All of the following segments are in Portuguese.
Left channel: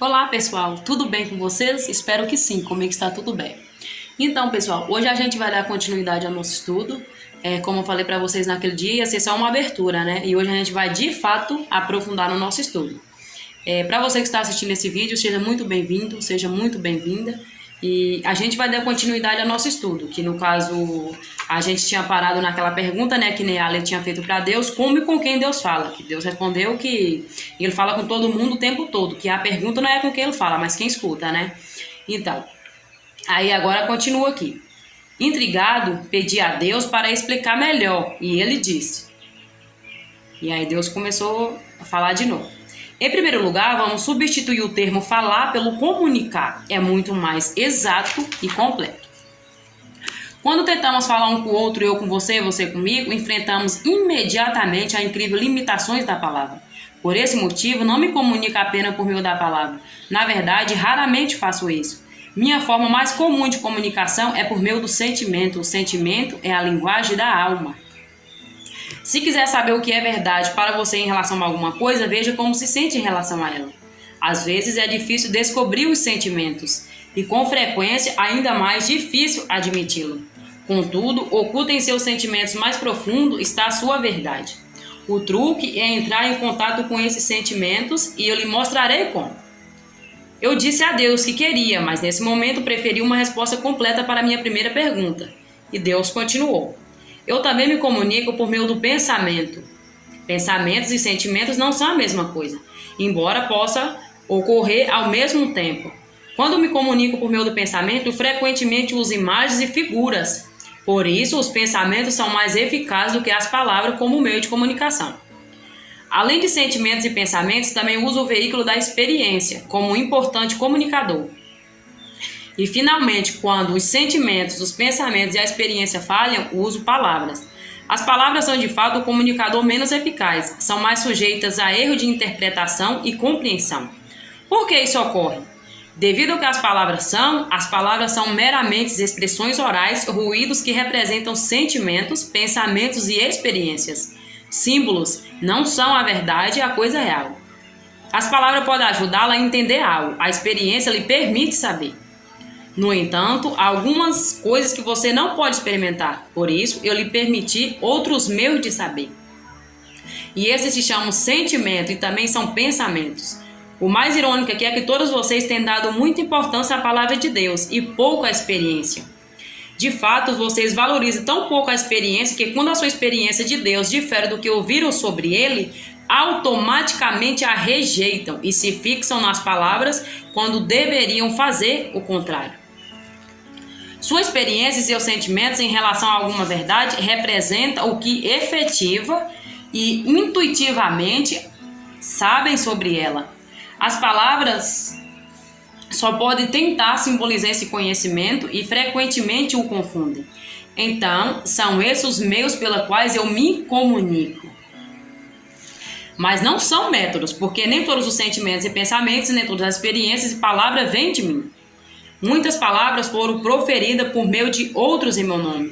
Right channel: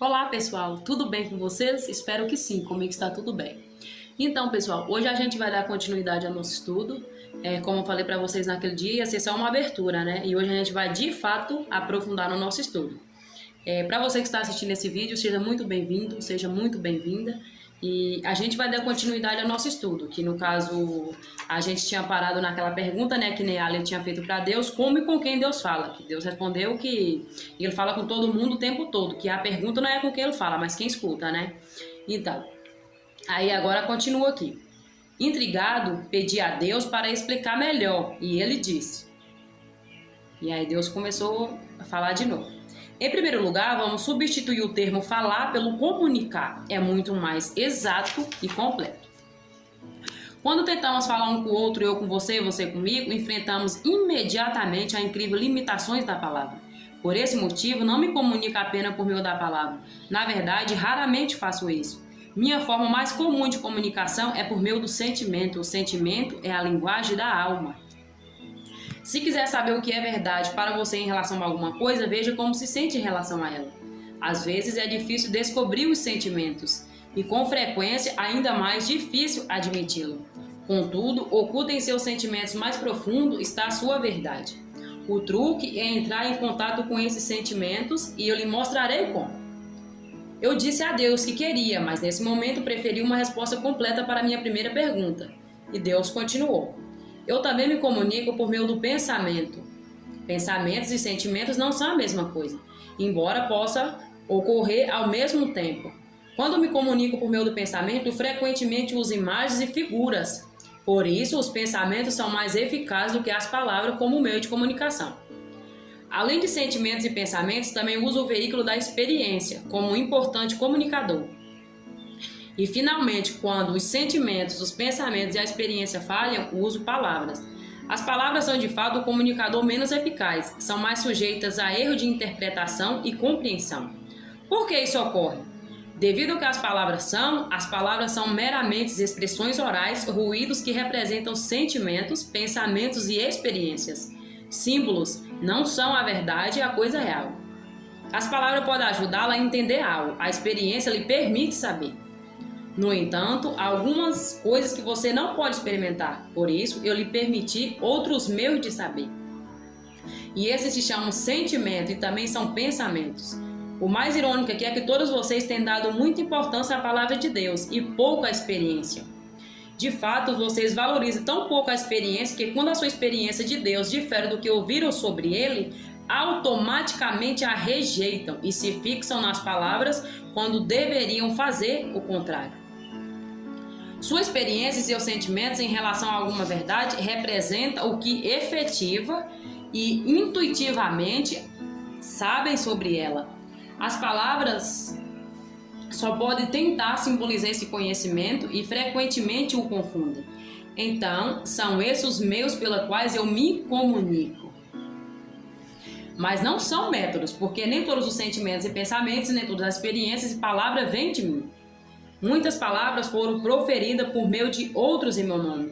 Olá pessoal, tudo bem com vocês? Espero que sim, comigo está tudo bem. Então pessoal, hoje a gente vai dar continuidade ao nosso estudo. Como eu falei para vocês naquele dia, ia ser só uma abertura, né? E hoje a gente vai de fato aprofundar no nosso estudo. Para você que está assistindo esse vídeo, seja muito bem-vindo, seja muito bem-vinda. E a gente vai dar continuidade ao nosso estudo, que no caso a gente tinha parado naquela pergunta, né, que Neale tinha feito para Deus, como e com quem Deus fala. Que Deus respondeu que ele fala com todo mundo o tempo todo, que a pergunta não é com quem ele fala, mas quem escuta, né? Então, aí agora continua aqui. Intrigado, pedi a Deus para explicar melhor, e ele disse. E aí Deus começou a falar de novo. Em primeiro lugar, vamos substituir o termo falar pelo comunicar. É muito mais exato e completo. Quando tentamos falar um com o outro, eu com você, você comigo, enfrentamos imediatamente as incríveis limitações da palavra. Por esse motivo, não me comunico apenas por meio da palavra. Na verdade, raramente faço isso. Minha forma mais comum de comunicação é por meio do sentimento. O sentimento é a linguagem da alma. Se quiser saber o que é verdade para você em relação a alguma coisa, veja como se sente em relação a ela. Às vezes é difícil descobrir os sentimentos e, com frequência, ainda mais difícil admiti-lo. Contudo, oculta em seus sentimentos mais profundos está a sua verdade. O truque é entrar em contato com esses sentimentos e eu lhe mostrarei como. Eu disse a Deus que queria, mas nesse momento preferi uma resposta completa para a minha primeira pergunta. E Deus continuou. Eu também me comunico por meio do pensamento. Pensamentos e sentimentos não são a mesma coisa, embora possa ocorrer ao mesmo tempo. Quando me comunico por meio do pensamento, frequentemente uso imagens e figuras. Por isso, os pensamentos são mais eficazes do que as palavras como meio de comunicação. Além de sentimentos e pensamentos, também uso o veículo da experiência como um importante comunicador. E, finalmente, quando os sentimentos, os pensamentos e a experiência falham, uso palavras. As palavras são, de fato, o comunicador menos eficaz, são mais sujeitas a erro de interpretação e compreensão. Por que isso ocorre? Devido ao que as palavras são meramente expressões orais, ruídos que representam sentimentos, pensamentos e experiências. Símbolos não são a verdade e a coisa real. As palavras podem ajudá-la a entender algo, a experiência lhe permite saber. No entanto, há algumas coisas que você não pode experimentar, por isso eu lhe permiti outros meios de saber. E esses se chamam sentimento e também são pensamentos. O mais irônico aqui é que todos vocês têm dado muita importância à palavra de Deus e pouco à experiência. De fato, vocês valorizam tão pouco a experiência que quando a sua experiência de Deus difere do que ouviram sobre ele, automaticamente a rejeitam e se fixam nas palavras quando deveriam fazer o contrário. Sua experiência e seus sentimentos em relação a alguma verdade representam o que efetiva e intuitivamente sabem sobre ela. As palavras só podem tentar simbolizar esse conhecimento e frequentemente o confundem. Então, são esses os meios pelos quais eu me comunico. Mas não são métodos, porque nem todos os sentimentos e pensamentos, nem todas as experiências e palavras vêm de mim. Muitas palavras foram proferidas por meio de outros em meu nome.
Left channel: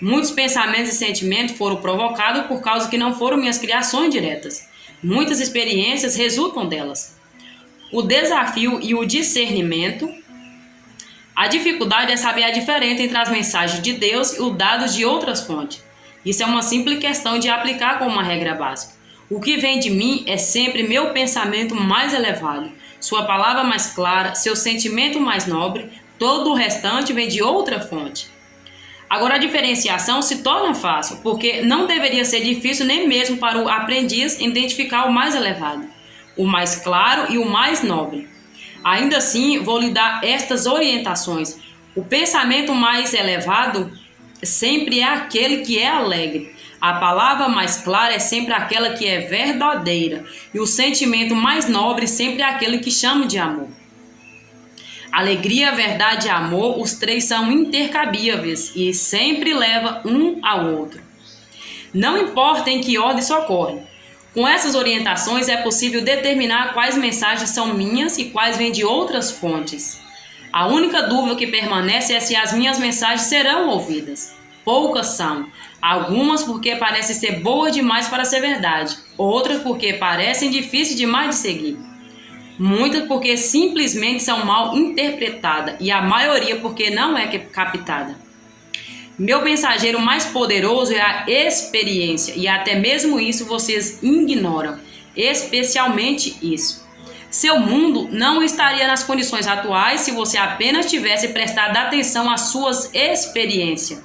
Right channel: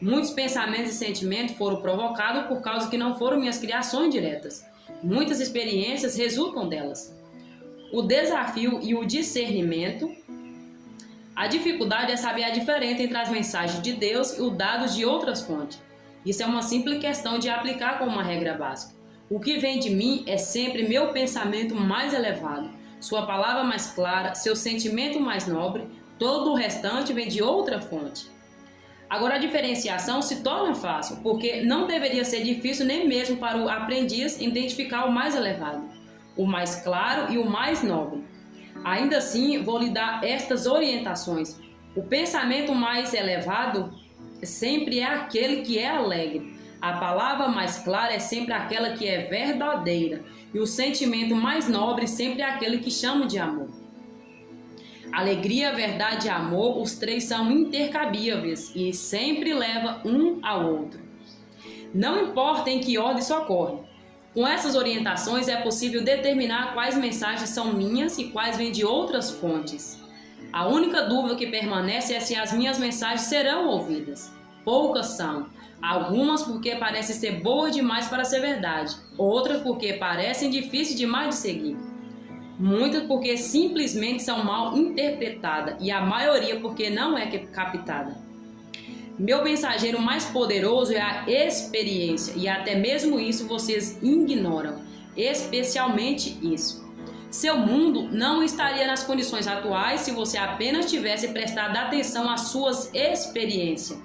Muitos pensamentos e sentimentos foram provocados por causa que não foram minhas criações diretas. Muitas experiências resultam delas. O desafio e o discernimento. A dificuldade é saber a diferença entre as mensagens de Deus e os dados de outras fontes. Isso é uma simples questão de aplicar como uma regra básica. O que vem de mim é sempre meu pensamento mais elevado, sua palavra mais clara, seu sentimento mais nobre, todo o restante vem de outra fonte. Agora a diferenciação se torna fácil, porque não deveria ser difícil nem mesmo para o aprendiz identificar o mais elevado, o mais claro e o mais nobre. Ainda assim, vou lhe dar estas orientações. O pensamento mais elevado sempre é aquele que é alegre. A palavra mais clara é sempre aquela que é verdadeira. E o sentimento mais nobre sempre é aquele que chama de amor. Alegria, verdade e amor, os três são intercambiáveis e sempre levam um ao outro. Não importa em que ordem isso ocorre. Com essas orientações é possível determinar quais mensagens são minhas e quais vêm de outras fontes. A única dúvida que permanece é se as minhas mensagens serão ouvidas. Poucas são, algumas porque parecem ser boas demais para ser verdade, outras porque parecem difíceis demais de seguir. Muitas porque simplesmente são mal interpretadas e a maioria porque não é captada. Meu mensageiro mais poderoso é a experiência e até mesmo isso vocês ignoram, especialmente isso. Seu mundo não estaria nas condições atuais se você apenas tivesse prestado atenção às suas experiências.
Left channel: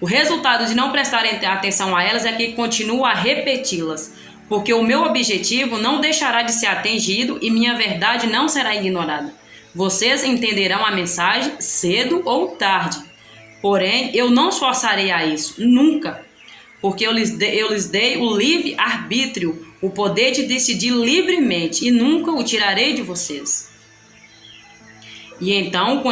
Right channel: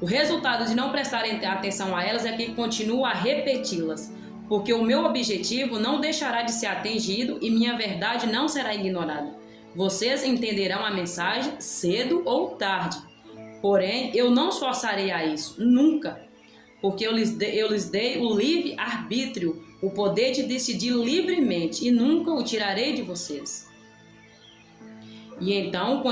O resultado de não prestar atenção a elas é que continua a repeti-las, porque o meu objetivo não deixará de ser atingido e minha verdade não será ignorada. Vocês entenderão a mensagem cedo ou tarde. Porém, eu não forçarei a isso, nunca, porque eu lhes dei o livre-arbítrio, o poder de decidir livremente, e nunca o tirarei de vocês. E então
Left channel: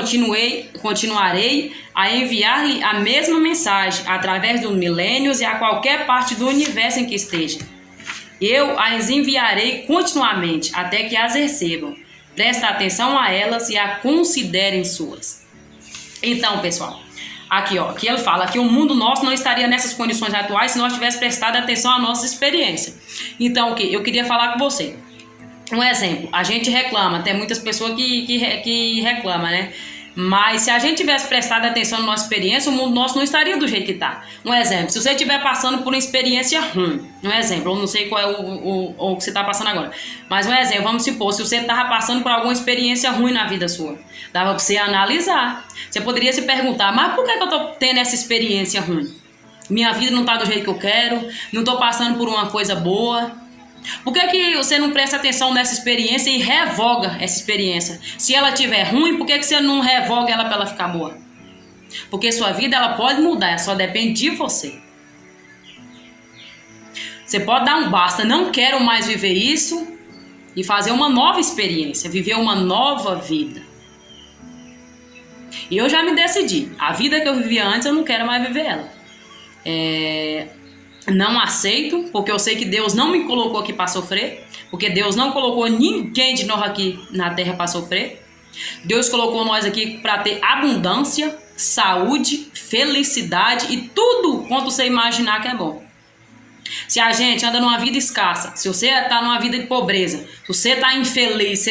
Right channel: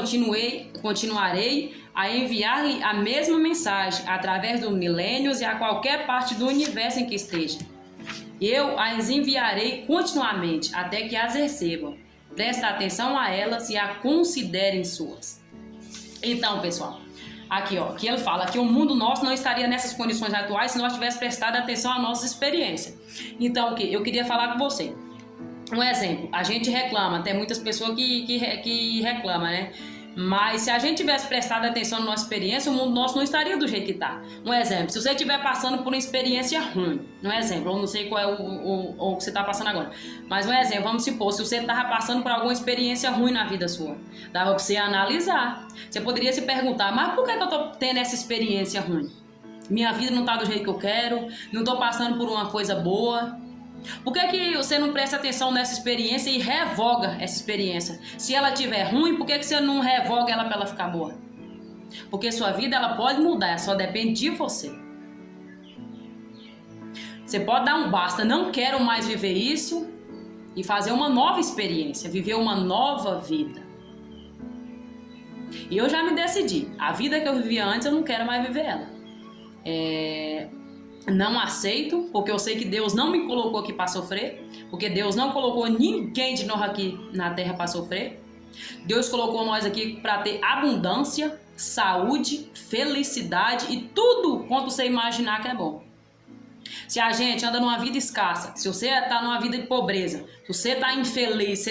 continuarei a enviar-lhe a mesma mensagem através dos milênios e a qualquer parte do universo em que esteja. Eu as enviarei continuamente até que as recebam. Prestem atenção a elas e a considerem suas. Então, pessoal, aqui ele fala que o mundo nosso não estaria nessas condições atuais se nós tivéssemos prestado atenção à nossa experiência. Então, eu queria falar com você. Um exemplo, a gente reclama, tem muitas pessoas que reclamam, né? Mas se a gente tivesse prestado atenção na nossa experiência, o mundo nosso não estaria do jeito que está. Um exemplo, se você estiver passando por uma experiência ruim, um exemplo, eu não sei qual é o que você está passando agora, mas um exemplo, vamos supor, se você estava passando por alguma experiência ruim na vida sua, dava para você analisar. Você poderia se perguntar, mas por que eu estou tendo essa experiência ruim? Minha vida não está do jeito que eu quero, não estou passando por uma coisa boa. Por que você não presta atenção nessa experiência e revoga essa experiência? Se ela estiver ruim, por que você não revoga ela para ela ficar boa? Porque sua vida ela pode mudar, só depende de você. Você pode dar um basta, não quero mais viver isso, e fazer uma nova experiência, viver uma nova vida. E eu já me decidi, a vida que eu vivia antes eu não quero mais viver ela. Não aceito, porque eu sei que Deus não me colocou aqui para sofrer, porque Deus não colocou ninguém de nós aqui na terra para sofrer. Deus colocou nós aqui para ter abundância, saúde, felicidade e tudo quanto você imaginar que é bom. Se a gente anda numa vida escassa, se você está numa vida de pobreza, se você está infeliz,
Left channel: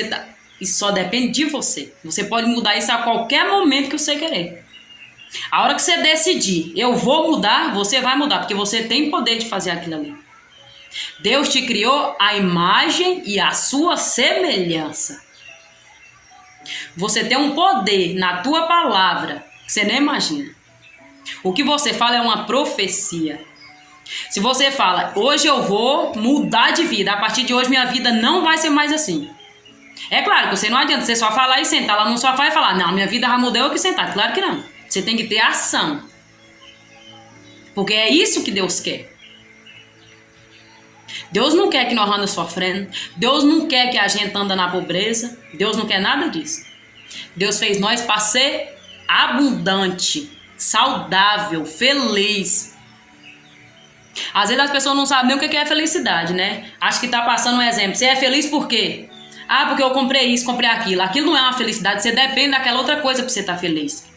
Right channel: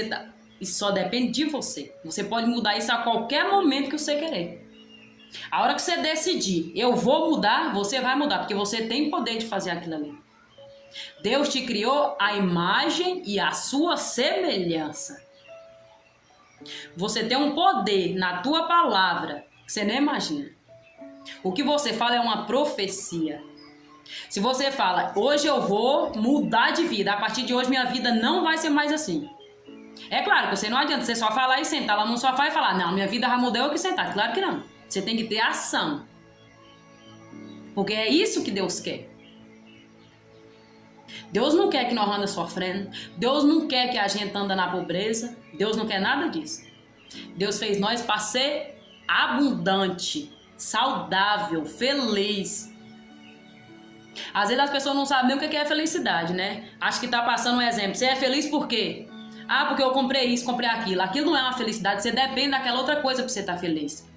isso só depende de você. Você pode mudar isso a qualquer momento que você querer. A hora que você decidir, eu vou mudar, você vai mudar, porque você tem poder de fazer aquilo ali. Deus te criou a imagem e a sua semelhança. Você tem um poder na tua palavra que você nem imagina. O que você fala é uma profecia. Se você fala, hoje eu vou mudar de vida, a partir de hoje minha vida não vai ser mais assim. É claro que você não adianta você só falar e sentar lá no sofá e falar, não, minha vida já mudou, eu que sentar. Claro que não. Você tem que ter ação. Porque é isso que Deus quer. Deus não quer que nós andemos sofrendo. Deus não quer que a gente anda na pobreza. Deus não quer nada disso. Deus fez nós para ser abundante, saudável, feliz. Às vezes as pessoas não sabem nem o que é felicidade, né? Acho que tá passando um exemplo. Você é feliz por quê? Ah, porque eu comprei isso, comprei aquilo. Aquilo não é uma felicidade. Você depende daquela outra coisa para você estar feliz.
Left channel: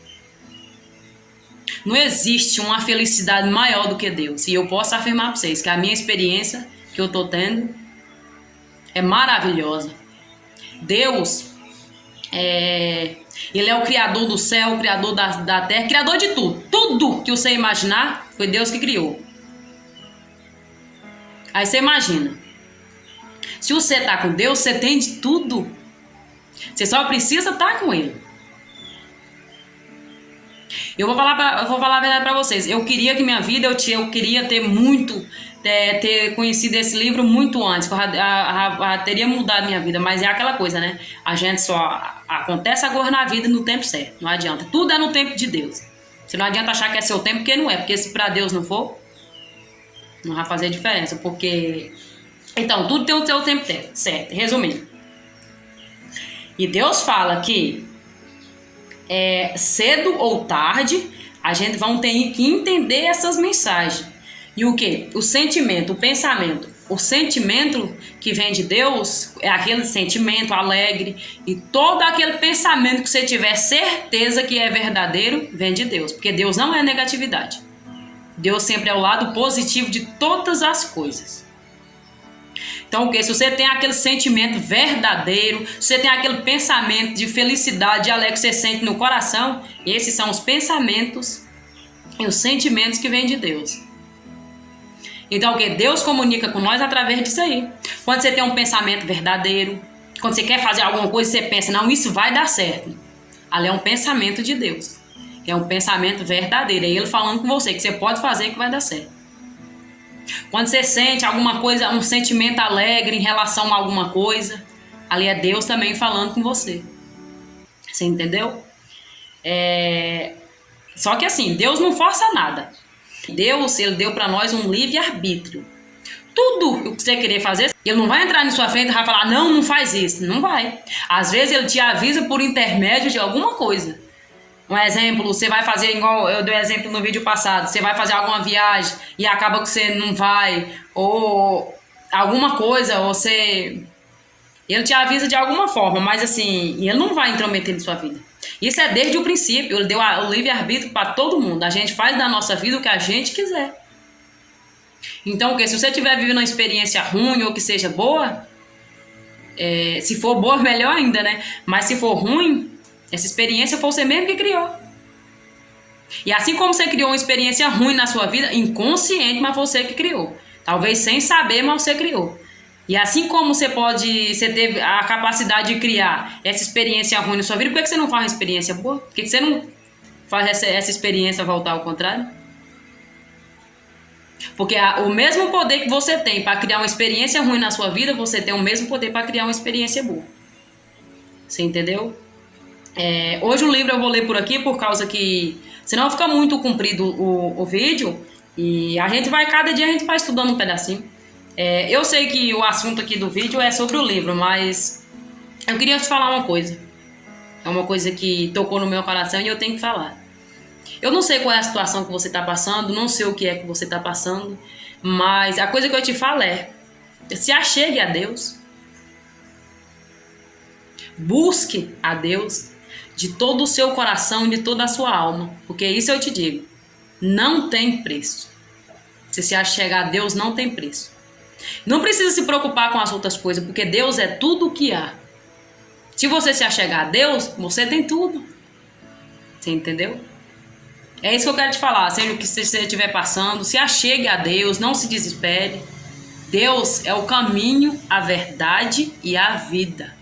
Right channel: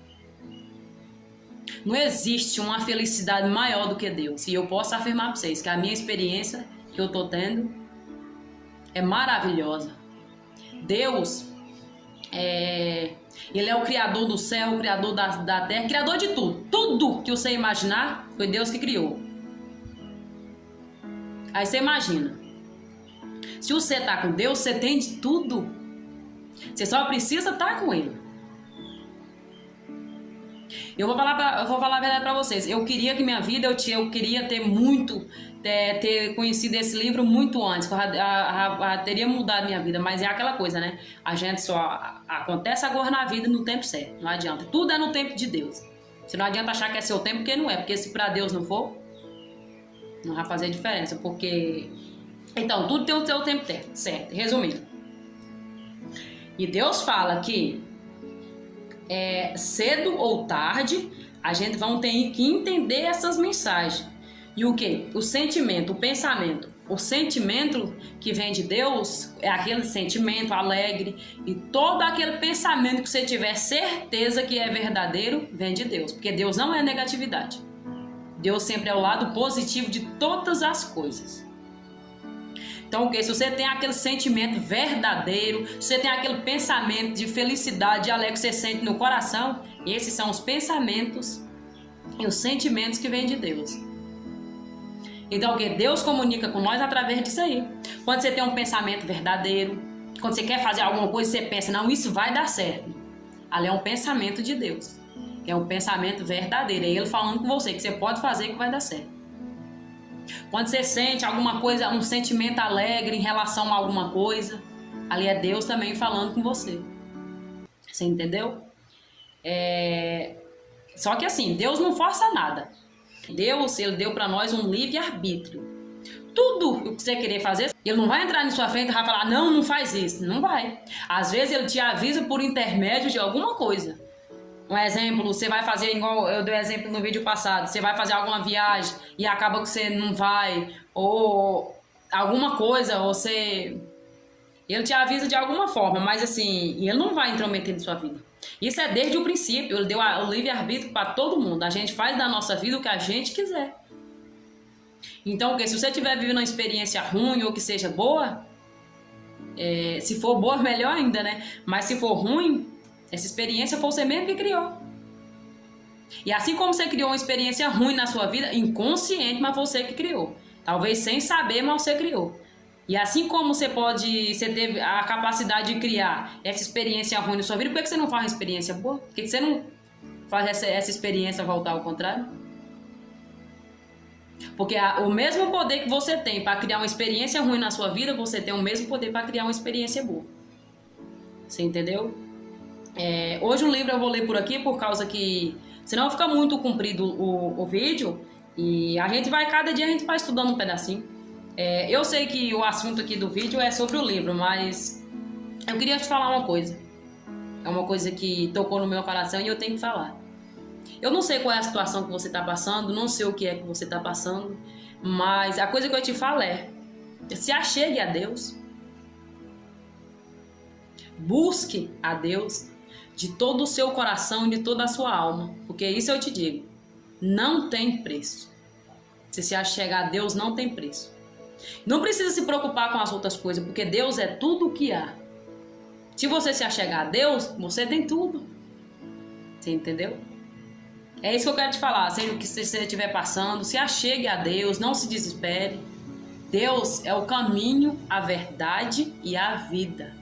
Não existe uma felicidade maior do que Deus. E eu posso afirmar para vocês que a minha experiência que eu estou tendo é maravilhosa. Deus, Ele é o Criador do céu, o Criador da terra, Criador de tudo. Tudo que você imaginar, foi Deus que criou. Aí você imagina. Se você está com Deus, você tem de tudo. Você só precisa estar com Ele. Eu vou falar a verdade para vocês. Eu queria que minha vida, eu queria ter conhecido esse livro muito antes. Que eu teria mudado minha vida. Mas é aquela coisa, né? A gente só acontece agora na vida no tempo certo. Não adianta. Tudo é no tempo de Deus. Você não adianta achar que é seu tempo, porque não é. Porque se para Deus não for, não vai fazer diferença. Porque... Então, tudo tem o seu tempo certo. Resumindo. E Deus fala que cedo ou tarde, a gente vai ter que entender essas mensagens. E o que? O sentimento, o pensamento. O sentimento que vem de Deus é aquele sentimento alegre. E todo aquele pensamento que você tiver certeza que é verdadeiro, vem de Deus. Porque Deus não é negatividade. Deus sempre é o lado positivo de todas as coisas. Então, o que? Se você tem aquele sentimento verdadeiro, se você tem aquele pensamento de felicidade, de alegria que você sente no coração, esses são os pensamentos e os sentimentos que vêm de Deus. Então, o que? Deus comunica com nós através disso aí. Quando você tem um pensamento verdadeiro, quando você quer fazer alguma coisa, você pensa, não, isso vai dar certo. Ali é um pensamento de Deus. É um pensamento verdadeiro. É Ele falando com você que você pode fazer que vai dar certo. Quando você sente alguma coisa, um sentimento alegre em relação a alguma coisa, ali é Deus também falando com você. Você entendeu? Só que assim, Deus não força nada. Deus, Ele deu para nós um livre-arbítrio. Tudo o que você querer fazer, Ele não vai entrar na sua frente e vai falar, não, não faz isso. Não vai. Às vezes Ele te avisa por intermédio de alguma coisa. Um exemplo, você vai fazer, igual eu dei exemplo no vídeo passado, você vai fazer alguma viagem e acaba que você não vai, ou alguma coisa, ou você... Ele te avisa de alguma forma, mas assim, ele não vai intrometer na sua vida. Isso é desde o princípio, ele deu o livre-arbítrio para todo mundo. A gente faz da nossa vida o que a gente quiser. Então, se você estiver vivendo uma experiência ruim ou que seja boa, se for boa, melhor ainda, né? Mas se for ruim, essa experiência foi você mesmo que criou. E assim como você criou uma experiência ruim na sua vida, inconsciente, mas você que criou. Talvez sem saber, mas você criou. E assim como você teve a capacidade de criar essa experiência ruim na sua vida, por que você não faz uma experiência boa? Por que você não faz essa experiência voltar ao contrário? Porque o mesmo poder que você tem para criar uma experiência ruim na sua vida, você tem o mesmo poder para criar uma experiência boa. Você entendeu? Hoje o livro eu vou ler por aqui, por causa que senão fica muito comprido o vídeo, e cada dia a gente vai estudando um pedacinho. Eu sei que o assunto aqui do vídeo é sobre o livro, mas eu queria te falar uma coisa. É uma coisa que tocou no meu coração e eu tenho que falar. Eu não sei qual é a situação que você está passando, não sei o que é que você está passando, mas a coisa que eu te falo se achegue a Deus. Busque a Deus de todo o seu coração e de toda a sua alma. Porque isso eu te digo, não tem preço. Se se achegar a Deus, não tem preço. Não precisa se preocupar com as outras coisas, porque Deus é tudo o que há. Se você se achegar a Deus, você tem tudo. Você entendeu? É isso que eu quero te falar. Seja o que você estiver passando, se achegue a Deus, não se desespere. Deus é o caminho, a verdade e a vida.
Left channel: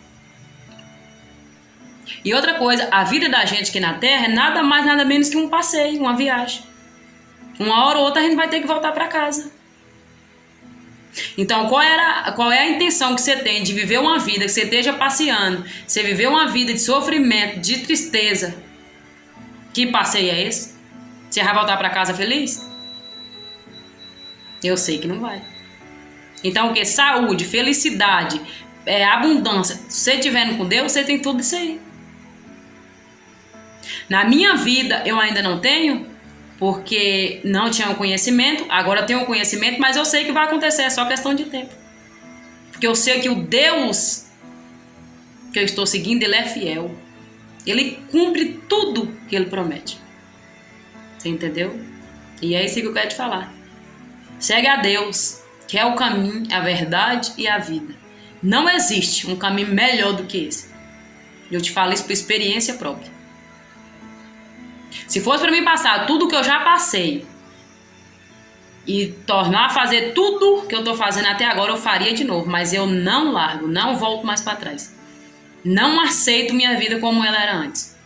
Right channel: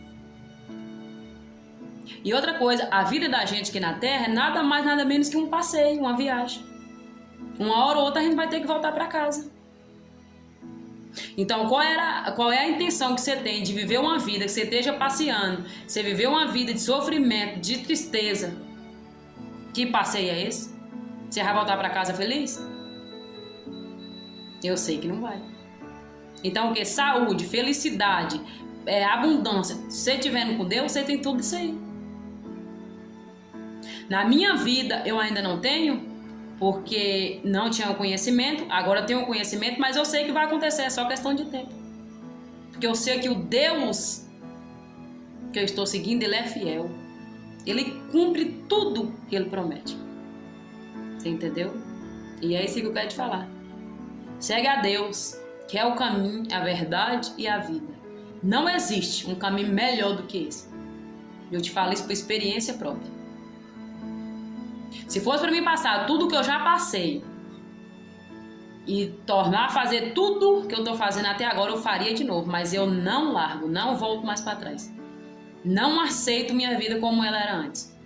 E outra coisa, a vida da gente aqui na Terra é nada mais, nada menos que um passeio, uma viagem. Uma hora ou outra a gente vai ter que voltar para casa. Então, qual é a intenção que você tem de viver uma vida, que você esteja passeando, você viver uma vida de sofrimento, de tristeza? Que passeio é esse? Você vai voltar para casa feliz? Eu sei que não vai. Então, o que? Saúde, felicidade, abundância. Se você estiver com Deus, você tem tudo isso aí. Na minha vida, eu ainda não tenho, porque não tinha o conhecimento. Agora eu tenho o conhecimento, mas eu sei que vai acontecer, é só questão de tempo. Porque eu sei que o Deus que eu estou seguindo, Ele é fiel. Ele cumpre tudo que Ele promete. Você entendeu? E é isso que eu quero te falar. Segue a Deus, que é o caminho, a verdade e a vida. Não existe um caminho melhor do que esse. Eu te falo isso por experiência própria. Se fosse para mim passar tudo que eu já passei e tornar a fazer tudo que eu estou fazendo até agora, eu faria de novo. Mas eu não largo, não volto mais para trás. Não aceito minha vida como ela era antes.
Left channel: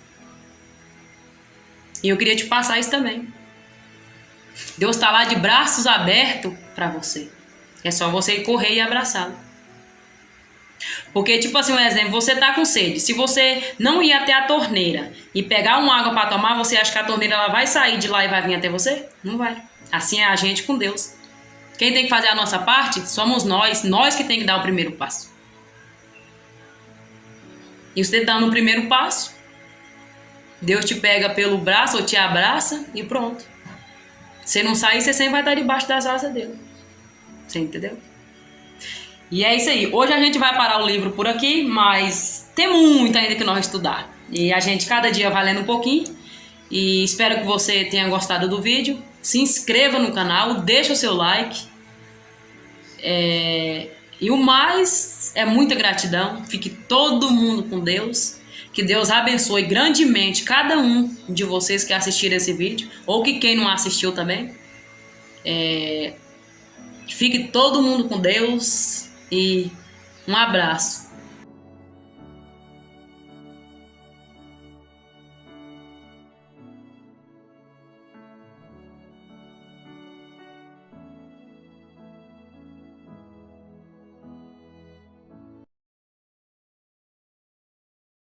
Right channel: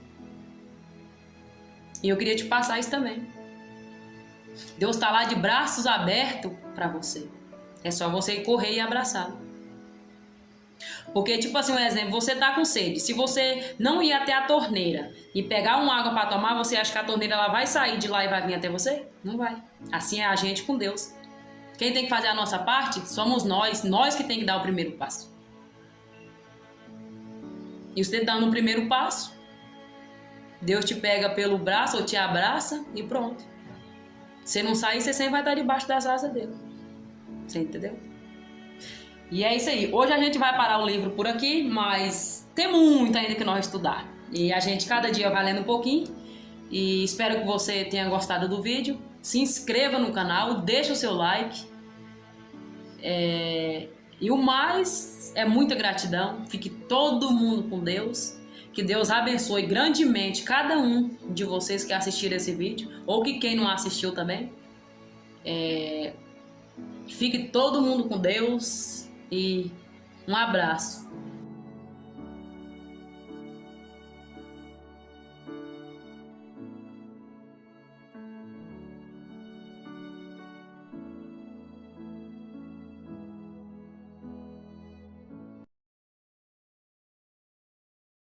E eu queria te passar isso também. Deus está lá de braços abertos para você. É só você correr e abraçá-lo. Porque, tipo assim, um exemplo, você tá com sede. Se você não ir até a torneira e pegar uma água para tomar, você acha que a torneira ela vai sair de lá e vai vir até você? Não vai. Assim é a gente com Deus. Quem tem que fazer a nossa parte somos nós que tem que dar o primeiro passo. E você dando o primeiro passo, Deus te pega pelo braço ou te abraça e pronto. Se não sair, você sempre vai estar debaixo das asas dele. Você entendeu? E é isso aí. Hoje a gente vai parar o livro por aqui, mas tem muito ainda que nós estudar. E a gente cada dia vai lendo um pouquinho. E espero que você tenha gostado do vídeo. Se inscreva no canal, deixa o seu like. E o mais é muita gratidão. Fique todo mundo com Deus. Que Deus abençoe grandemente cada um de vocês que assistiram esse vídeo, ou que quem não assistiu também. Fique todo mundo com Deus e um abraço.